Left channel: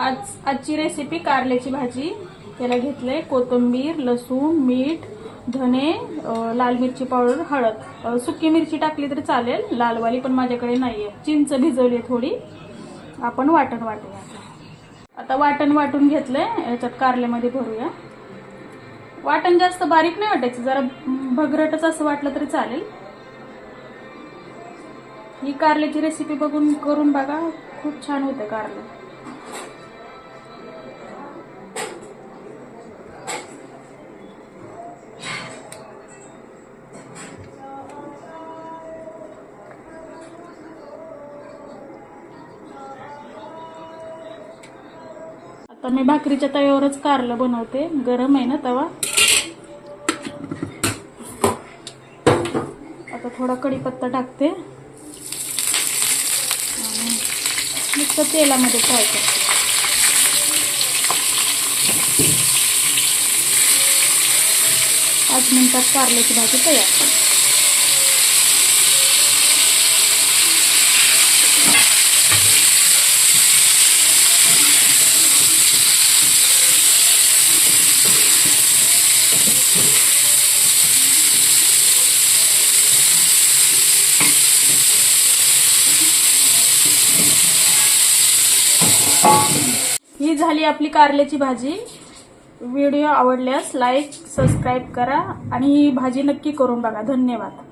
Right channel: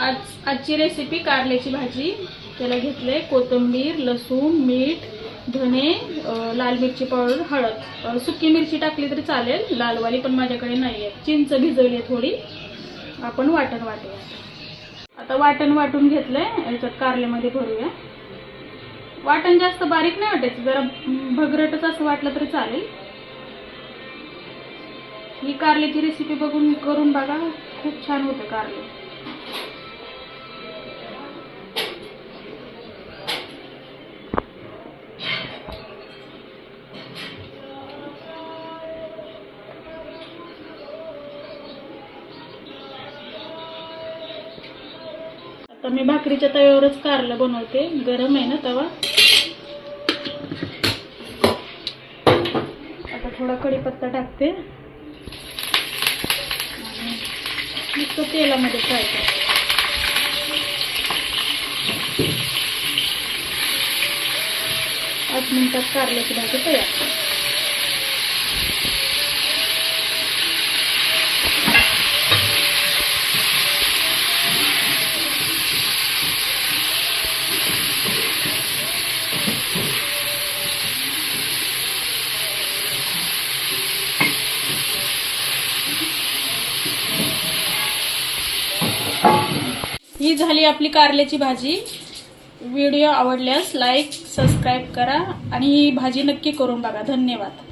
आजची रेसिपी कारल्याची भाजी। त्याला घेतलंय कोथिंबीर, लसूण, मीठ, धने, लाल मिरची पावडर, हळद। सुकी मिरची टाकली तरी चालेल, लालवाली पण माझ्याकडे नाहीये। चिंच भिजवली थोडी। आपण वाटण वाटूया। आता वाटण वाटून घेतलंय, याच्यात कारल्यामध्ये भरूया। वाटण जास्त बारीक नाही वाटायचं, जरा भगरटच असं वाटलं तरी चालेल। ही कारल्याची रेसिपी बघून करून बघा, खूप छान होतं कारले। आता मी भाकरीच्या तव्यावरच कारलं बनवते, गरम आहे ना तवा। आता थोडा कढीपत्ता टाकते आणि नुसतं तेलामध्ये फ्राय करते। 8 मिनिटात कारल्याची भाजी तयार। ही झाली आपली कारल्याची भाजी। व्हिडिओ आवडल्यास लाईक, सबस्क्राईब करा आणि ही भाजी नक्की करून बघा। धन्यवाद।